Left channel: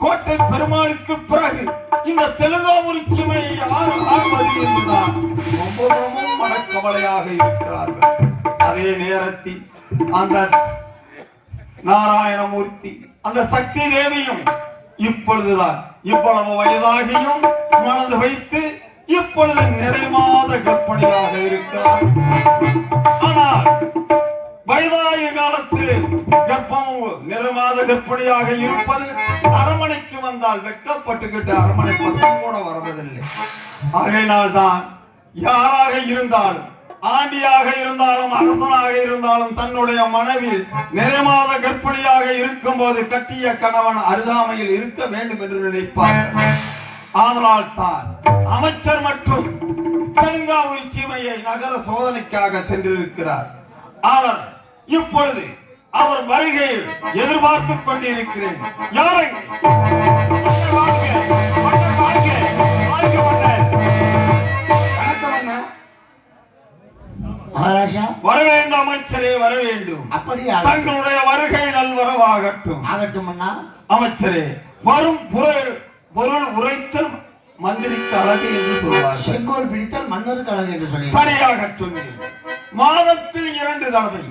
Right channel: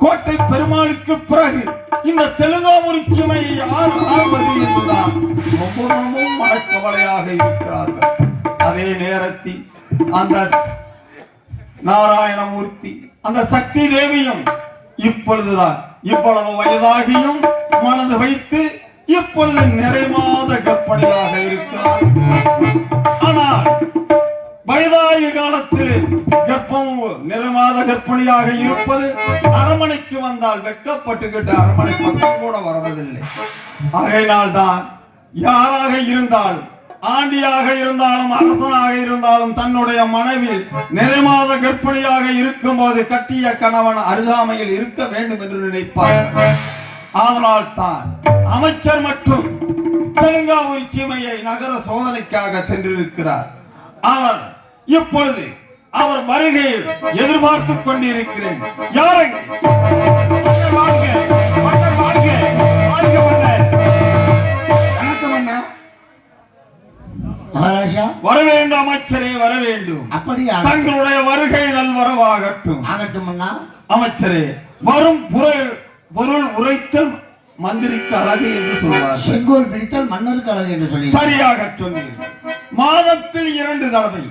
கோட்டை பெருமாளுக்கு பிறகு இந்த தெலுங்காமுரி சீமையை யார் ஆள்வது என்றுதான் ரொம்பவும் மனக்கவலையாக இருக்கிறார்கள். அதே நேரத்தில் அந்த நாராயணமூர்த்தி அந்த சக்தி தேவியும் இப்பொழுதுதான் இவ்வளவு வயதாகியும் மனது வைத்து இப்பொழுது நிறைமாத கற்பனையாக இருக்கிறார். ஆனால் வயதாகிய காலத்தில் நிறைமாத கற்பனையாக இருப்பது அரண்மனைக்கு வந்தால் வெட்கப்பட்டுக்கிட்டு அரண்மனை பக்கம் கூட வருவதில்லை. ஆகையினால்தான் யாராக இருந்தாலும் ஆண்டியாக இருந்தாலும் அரசனாக இருந்தாலும் தன்னுடைய மனைவி நிறைமாத கர்ப்பிணியாக இருக்கும் போது கட்டிய கணவன் அருகாமையில் இருக்க வேண்டும் என்று நினைப்பார். அதனால் தான் அமைச்சர் மற்றும் தெலுங்காவூர் சீமையை நகர சோதனைக்காக சென்றிருக்கிறார். அவர் இப்பொழுது அவர் வருகையில் எதிர்பார்த்துக் கொண்டிருக்கிறேன். யாருங்க வர வேண்டும் அமைச்சரே, வர வேண்டும். அப்படியா? தங்களுடைய வருகை நல்வரவாகட்டும். ஆகட்டும் அமைச்சரே. வரும் பொருள் உரைத்தல் மந்திரிக்கு அழகு என்று சொல்வார். செங்கோல் பிடித்தல் மன்னருக்கு அழகு என்று சொல்லி சரியாக சொன்னீர்கள். மாதத்தில் 2 தடவை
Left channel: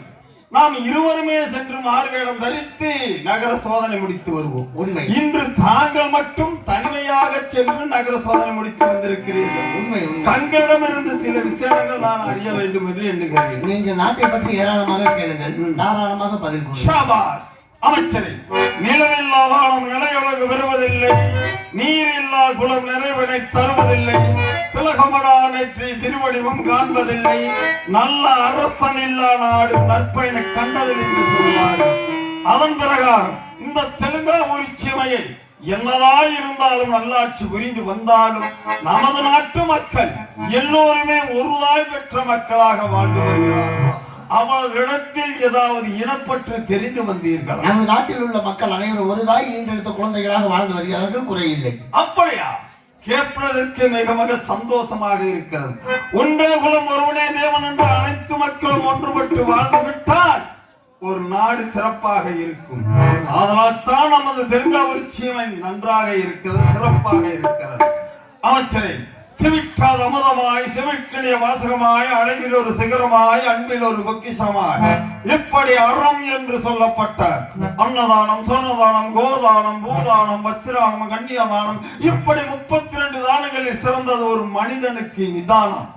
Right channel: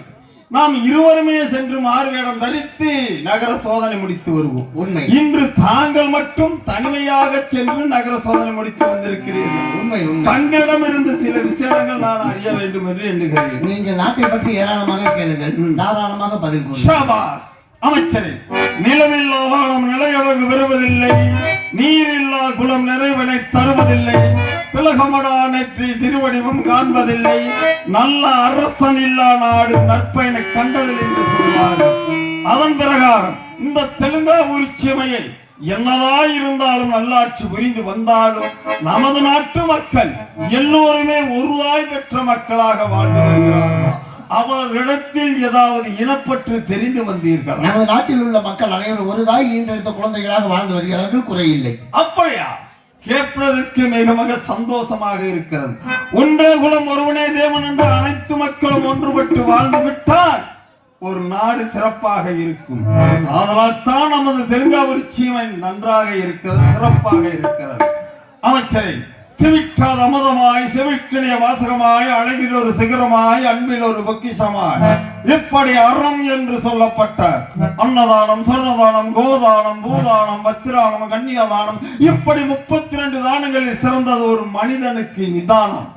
நாம் இருவருமே சென்று மாறுவேடம் தரித்து நகர சோதனை முடித்து வருவோம். உண்மை. இன்று தாங்கள் மட்டும் தனிமையாக சென்று நகர சோதனை முடித்து வந்திருக்கிறீர்கள். உண்மை. தங்களிடமிருந்து சில விஷயங்கள் நான் அறிய வேண்டும் என்று எண்ணுகிறேன். நீங்கள் நாட்டை பற்றி ஏராளமாக கேளுங்கள், தாராளமாக பதில் கூறுங்கள். அமைச்சரே, நிலமில்லா வானம் நிலையழகு வருவதில்லை, நீரில்லா குளம் நிறைவனை தருவதில்லை, திலகமடா நெற்றி திருவடிவம் காண்பதில்லை, நல்ல அரசன் இல்லா நாடு நற்பயனை கண்டதில்லை என்று சொல்வார். அதன் பிரகாரம் இந்த தெலுங்காவூர் சீமையை என்னதாயிருந்தாலும் நல்லாட்சி புரிந்து வந்தாலும் நமது நாட்டு மக்கள் எல்லோருமே ஒருதாய் பெற்ற மக்களாக வாழ்ந்து வருகிறார்கள். அவர்களிடத்தில் ஏதாவது இனப்பற்று தெரிந்து வந்தீர்கள்? நமது நாட்டில் உள்ள மக்கள் அனைவரும் ஒரு தாய் ஈன்றெடுத்த குழந்தைகளாக வாழ்ந்து வருகிறார்கள், குறையில்லை. அப்படியா? கேட்பதற்கு மிக மிக சந்தோஷமாக இருக்கிறது. ஒன்றே குலம் ஒருவனே தேவன் என்று அனைத்து மக்களும் ஒன்றுபட்டு வாழ்ந்து விட்டால் ஒரு நாடு சிறப்பாக இருக்கும். அதனால் தான் நமது தெலுங்காவூர் சீமை நன்றாக இருக்கிறது, சிறப்பாக இருக்கிறது. அமைச்சரை திவிட்டாத அமுதமாய் செவிக்கிளிய வாசகமாய் அழகில் ஒரு சிகரமாய் அன்பில் ஒரு பொக்கிஷமாய் இப்படி அறம் என்று சொல்லப்பட்ட அன்னதானம், சொன்னதானம், கோதானம், பூதானம், வச்சிரானம், கன்னியதானம் இப்படி 32 தானங்களில் சிறந்தது ஒரு மனிதனுக்கு நிதானம்.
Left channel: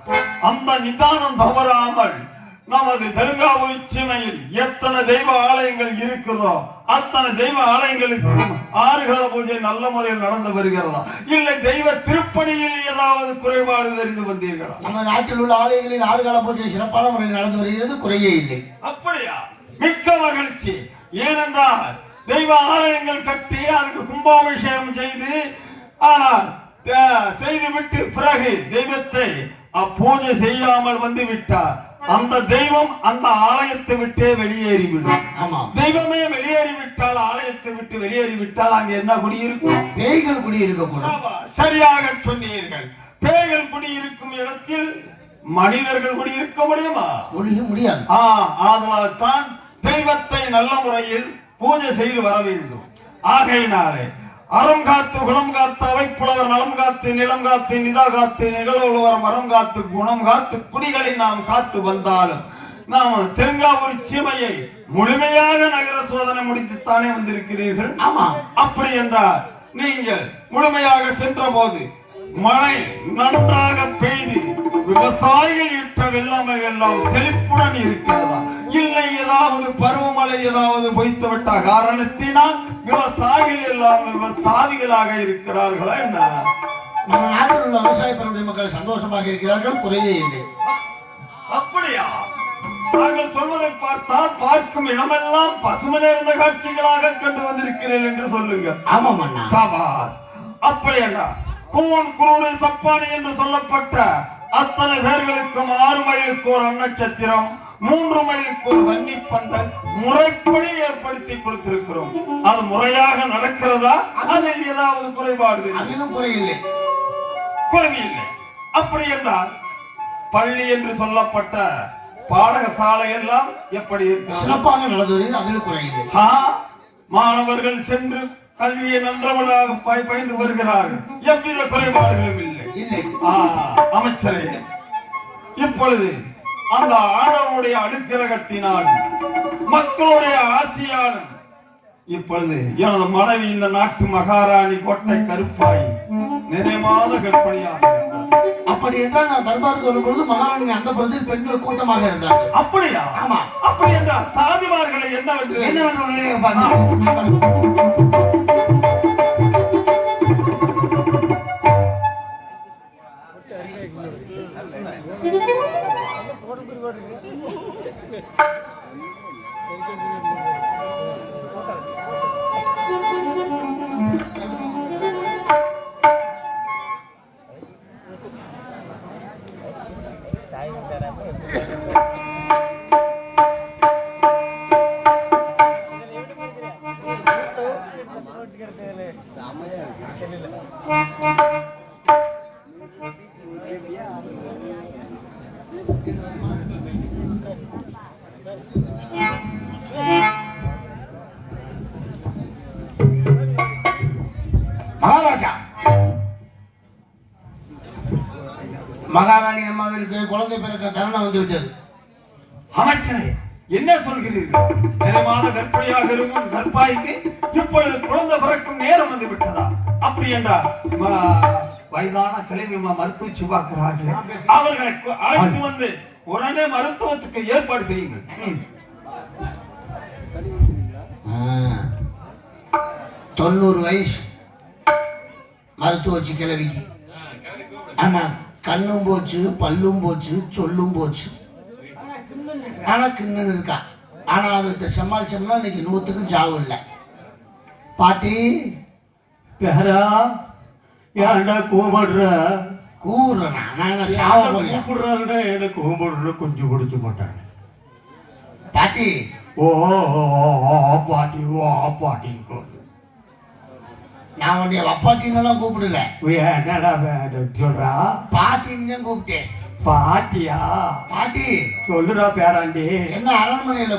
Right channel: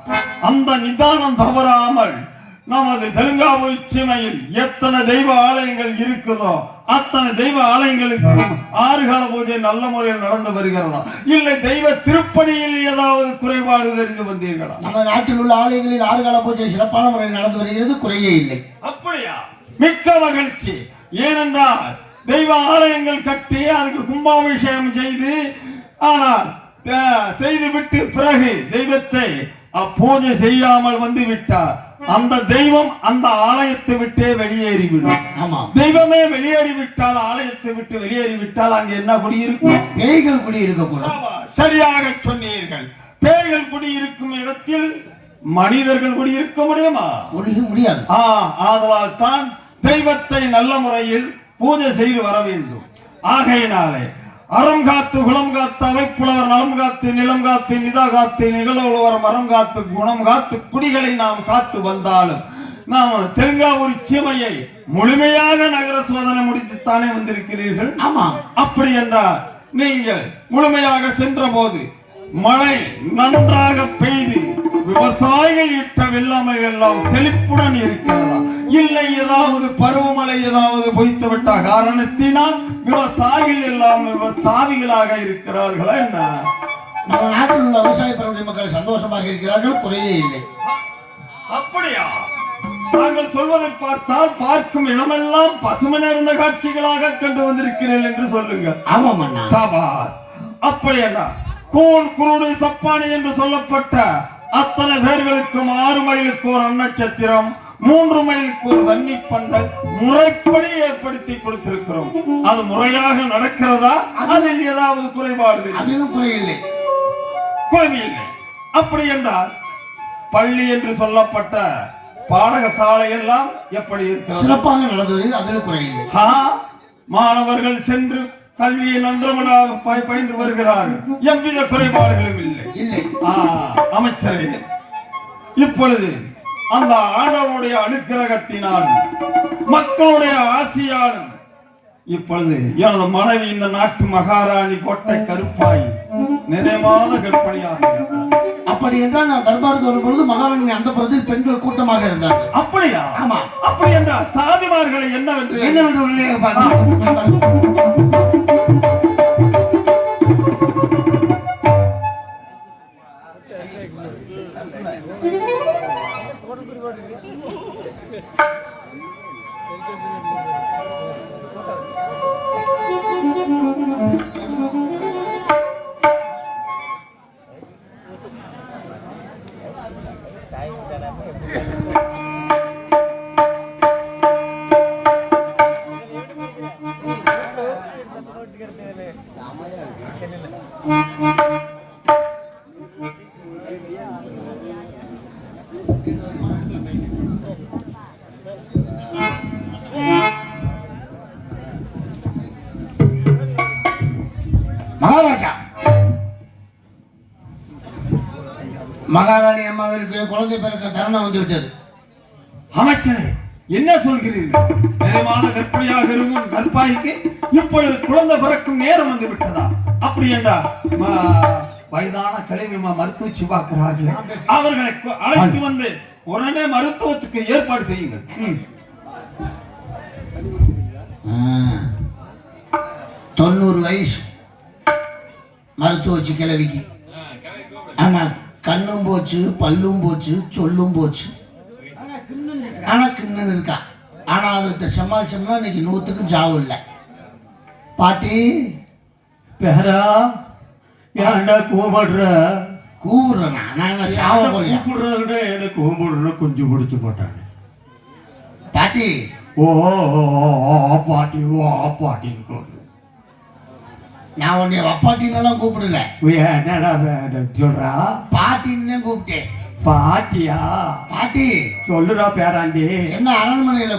அந்த நிதானம் தவறாமல் நமது தெலுங்காவூர் சீமையில் எத்தனை தெய்வ ஆலயங்கள் இருக்குதோ அத்தனை தெய்வ ஆலயங்களுக்கு 6 கால பூஜை நல்ல முறையில் நடந்து வருகிறதா, இல்லை தெய்வ திருப்பணியில் ஏதாவது குறைபாடு தெரிந்து வந்தீர்களா? நம்ம நாட்டில் உள்ள ஆலயங்களில் 6 கால பூஜை சிறப்பான முறையில் நடந்து வருகிறது, குறையே இல்லை. அப்படியா? மிக்க மகிழ்ச்சி. ஏனென்றால் தெய்வ ஆலயங்கள் கட்டி அதுக்கு கும்பாபிஷேகம் செய்து செய்துவிட்டு பிறகு தெய்வத்தை பூஜை செய்யாமல் வந்து விட்டார். அந்த தெய்வம் அந்த ஆலயத்தை விட்டே வெளியேறிவிடும். தெய்வமே வெளியேறிவிட்டால், ஆலயத்தை விட்டு வெளியேறிவிட்டால் அங்கு என்ன குடியிருக்கும்? பேய்கள் குடியிருக்க. சரியாக சொன்னீர்கள். பேய்கள் குடியிருக்கும் இடத்தில் மனிதர்கள் குடியிருக்க முடியுமா? முடியாது. ஆதலால் தான் தெய்வத்தை நல்ல முறையில் பூஜை செய்து வர வேண்டும். ஆகையினாலே அறம் காத்து குணம் காத்து அவைப்புலவர் நலம் காத்து நிலம் காத்து நிதா காத்து நிகழ்வுவர் மரம் காத்து குணம் காத்து குடிகளை நாம் காத்து வந்தாலும் நாம் தெலுங்காவூர் சீமையை முழுமையாக நகர சோதனை முடித்துத்தானே வந்திருக்கிறீர்கள். ஆமா. அப்படி என்றால் நீங்கள் முழுமையாக சென்ற போது மழை நன்றாக பெய்து விவசாயிகள் இட்ட வெள்ளமை எல்லாம் செழிப்புடன் இருக்கிறதா, இல்லை ஏதாவது பருவமழை ஏதாவது பொய்த்து விட்ட காரணத்தினால் விவசாயிகள் எல்லாம் சாவிகளாக இருக்கிறார்களா என்ன? நம்ம நாட்டில் உள்ள விவசாய பெருமை மக்கள் சந்தோஷமாக இருக்கிறார்கள், குறையே இல்லை. அப்படியா? நாங்கள் சொல்வதை பார்த்தால் பார்க்கும் இடமெல்லாம் பசுமை நிறைந்த காட்சிகளாக கண்டு வந்திருக்கிறீர்கள் என்று சொல்லுங்க. ஆமாம் அண்ணா. சாபாஸ். அப்படி என்ன கூன் குருடு சப்பானி என்று சொல்லப்பட்ட அத்தனை பேர்களுக்கும் 6 மைலுக்கு ஒரு அன்னச்சத்திரம், 3 மைலுக்கு ஒரு தண்ணி பந்தல் முறைப்படி ஏற்படுத்தி கொடுத்திருக்கிறோம். அது முறையாக நடக்கிறதா? அதில் ஏதாவது குறைபாடு? அதிலும் குறையில்லை, குறையில்லை. அப்படி என்றால் பள்ளி என்று சொல்லப்பட்ட பாடகசாலை எல்லாம் எப்படி இருக்கு? சிறப்பாக நடந்தது, அதில் குறையில்லை. மாணவர்கள் சென்று கல்வியை நன்றவராக பயின்று வருகிறார்கள். எவ்வித குறைபாடுகளும் இல்லை. அமைச்சரே, இப்பொழுது அந்த ஆண்டவனுடைய அனுக்கிரகத்தினால் மக்களுடைய ஆசியாலும் இப்பொழுது எனது மனைவி இந்த நாட்டு மகாராணி கோட்டை கருப்பாய் நிறைமாத கற்பனையாக. அப்படி என்றால் நான் தர்பாருக்கு வரும்பொழுது மகாராணி அந்த பிரதில் பெண்கள் கூட்டமாக இருந்தார். அப்படியா? ஆமா. அப்படி என்றால் தாதிமார்களை என்னவென்று மகாராணி அம்மாவிற்கு குழந்தை பிறக்க தருணம் வந்து விட்டது. அமைச்சரே, என்ன சொல்கிறீர்கள்? நிறைவான கற்பனையாக இருக்கும் கற்பாய்க்கு இப்பொழுது குழந்தை பிறக்கும் நேரம் வந்து விட்டதா? அப்படி என்றால் வயதான கிழமை மருத்துவச்சி பார்க்கிறார்களே, அவர்களை அழைத்து வந்து உடனே மருத்துவத்துக்கு ஏற்பாடு செய்யுங்கள். 90 வயசு மருத்துவச்சி கிழவிக்கு. ஆனா கண்ணும் போச்சு, பல்லும் போச்சு, சொல்லும் போச்சு. ஆனா கிண்ணு இருக்கா. ஆனா அது சமாளிச்சோம்னா இன்னைக்கு 100க்கு ஜாவு இல்லை. பாட்டி பேரா ஏன்டா கூப்பிடுற? கூறுறேன் நான் சாவ போல கூப்பிடுறாங்க. எனக்கு கூப்பிடுற குஞ்சு பிடிச்சு போட்டாங்க. பாட்டி ஓ பாட்டி ஓ பாட்டின்னு கூப்பிடு. நான் உன்னைய வப்பாட்டின்னு கூப்பிடல. என்னடா சொல்றா? பாட்டின்னு தான் கூப்பிட்டேன். பாட்டியா? பாட்டி சொல்லுறா பேராண்டி. என்ன அரண்மனையில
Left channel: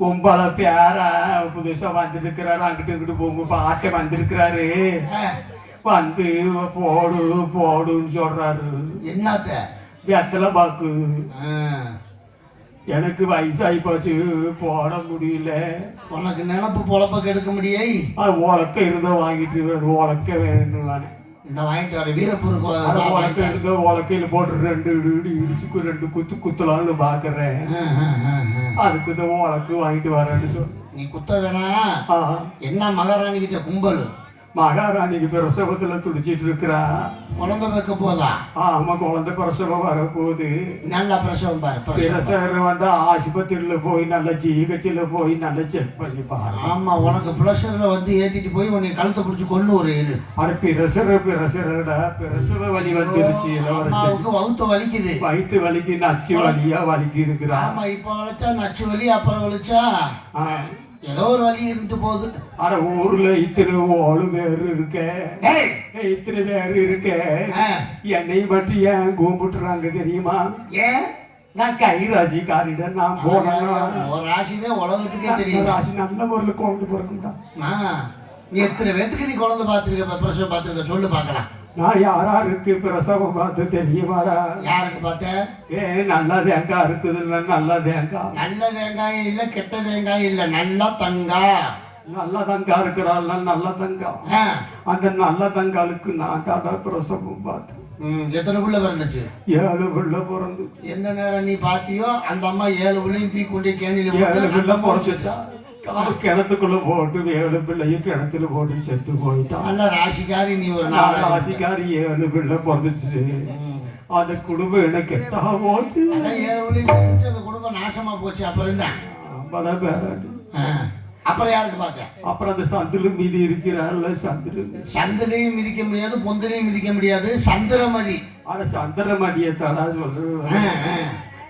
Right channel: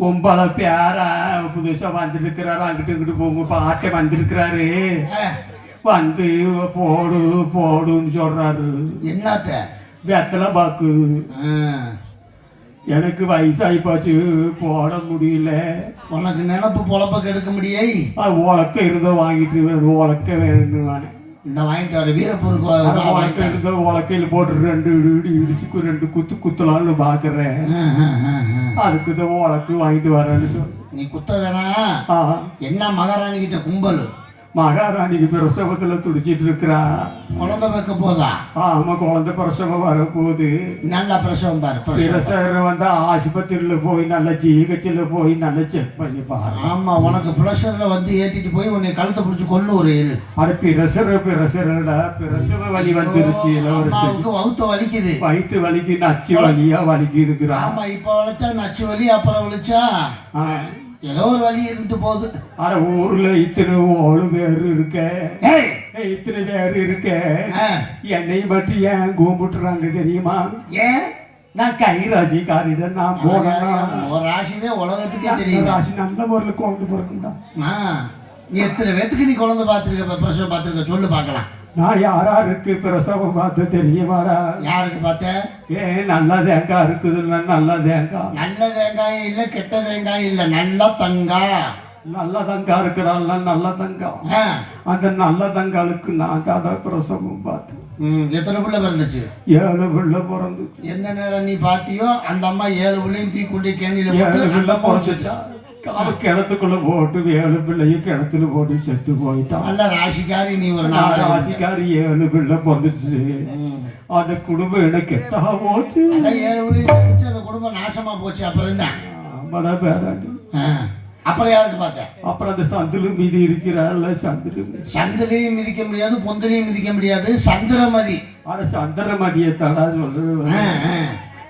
கும்பல பேரா புதுசா வந்திருக்கிறாரு. அங்கிட்டு இங்கிட்டு போங்க பாட்டை வந்திருக்கிறாரு. வந்து போடு போடுன்னு சொல்றாரு. என்னத்த? வெத்தலை பாக்கு. எனக்கு வயசாகி போச்சு, போட முடியல. உனக்கு நினப்பு பொழப்ப கெடுக்க முடியே. உலக்க இருந்த வாங்கிட்டு உலக்க வேணும். இந்த வாங்கிட்டு வர வீரப்பூருக்கு இருந்த உலக்கையில போட்டு 2 இடி இடிச்சுக்கு 2 குத்தலாம்னு பாக்குறேன். அதுக்கு இந்த உலக்கு வாங்கிட்டு வரேன்னு சொல்லு. நீ குத்த வேணா. என்ன மகாராணி கிட்ட கும்பல்? மகாராணிக்கு பிரசவத்துல துடிச்சிட்டு இருக்கிறா. குழந்தை வைக்க போதா? ஆமா, குழந்தை பிரசவம் வர போகுது. நல்ல பிரசவம் பாரு. பிரசவம் வந்தா ஆஸ்பத்திரியில போய் நல்ல ஜிஹெச்ல போய் நல்ல செக் பண்ணி பாரு. ஆமா, உனக்கு பிரஷர்ல வந்து ஏத்திட்டு போய் உன்னை கழுத்தை பிடிச்சி கொண்டு ஒரு அட பிரசரடா பிரசவ வலி வந்துருச்சு. இளவரசருக்கு வகுத்த வலிக்குது. வயிற்று வலிக்கு நச்சு வலியா வலிக்கு இருக்கிறா. ஆமா, இப்ப வலிச்சா நச்சு வலி, அப்புறம் வலிச்சா ஏதோ ஒரு வழி இருந்து போகுது. ஆனா ஊர்ல இத்தனை 7 பேர் இருக்க, இத்தனை பேர் இருக்க, என்னையும் பற்றி ஏன் கூப்பிட்டுறாங்க தெரியுமா? ஏன்? நான் கைராசி காரிடம் நான் போனேன். ஒரு ராசினே உலகத்துக்கே தெரியும். ராசி நல்ல முறையில் குழந்தை பிறக்குண்டா. நீ எத்தனை பேத்துக்கு நீ குழந்தை பார்த்துருக்க, பிரசவம் பார்த்துருக்க சொல்லு பார்க்கலாம். நான் யாராருக்கு பிரசவம் பார்த்து தெரியுமாடா? யாருக்கு பார்த்தேன்? நல்ல தேங்காய் இருக்குது. நல்ல தேங்காய். நல்ல தேங்காய் இல்ல, கெட்ட தேங்காய் இல்ல, நல்ல தங்காய். நல்ல தங்காய் இருக்கிறாள். நல்ல தங்காய். அந்த நல்ல தங்காளுக்கு நான் தாடா பிரசவம் பார்த்தேன். எத்தனை பிள்ளை பிறந்துச்சு? 7 பிள்ளை பிறந்து. எந்த நேரம் நீ பாத்தியோ அந்த அம்மா 7 பிள்ளையும் தீ கொண்டு கேணியில 7 பிள்ளை பிறந்துச்சா. கிணத்துக்குள்ள போட்டு 7 பிள்ளையும் கிணத்துல போட்டு செத்து போயிட்டான். நல்ல ராசிக்காரி நீ. ஒரு ராசிக்காரி 7 பிள்ளை பிறந்துச்சு. அந்த குடும்பம் எனக்கு கெட்டா போச்சு. 7 பிள்ளையும் அந்த குடும்பம் நாசமா போச்சு. அப்புறம் என்ன? பேராண்டி. அப்புறம் யாருக்கு பார்த்தேன்? அப்புறம் அந்த சந்தில மீதி இருக்கிறாள். சந்திலையும் மிதிக்க முடியாது, பொந்திலையும் மிதிக்க முடியாது. சந்திரமதி. ஆனா சந்திரமதியை தடா சொல்லு.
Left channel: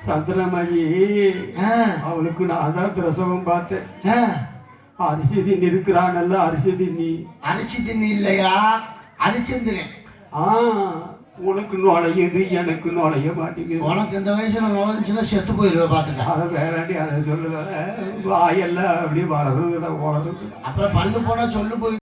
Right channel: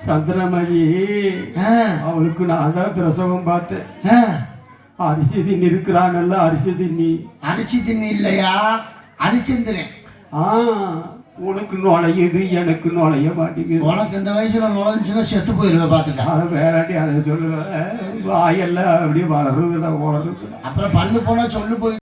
சந்திரமதி அவளுக்கு நான் தான் பிரசவம் பார்த்தேன். அரிசி தின்னி இருக்கிறாங்கல்ல, அரிசி தின்னி. அரிசி தின்னி இல்லையா? அரிச்சந்திரன். உனக்கு நுழையுது எனக்கு நுழைய மாட்டேங்குது. உனக்கு இந்த வயசுல நுழைஞ்சுன்னா செத்து போயிருவேன் பாத்துக்க. அது வேறாண்டி அதை சொல்லுவேன். வாயெல்லாம் அப்படியே வளருது, ஓடுது. அப்புறம் பல்லு போனா சொல்லு போய்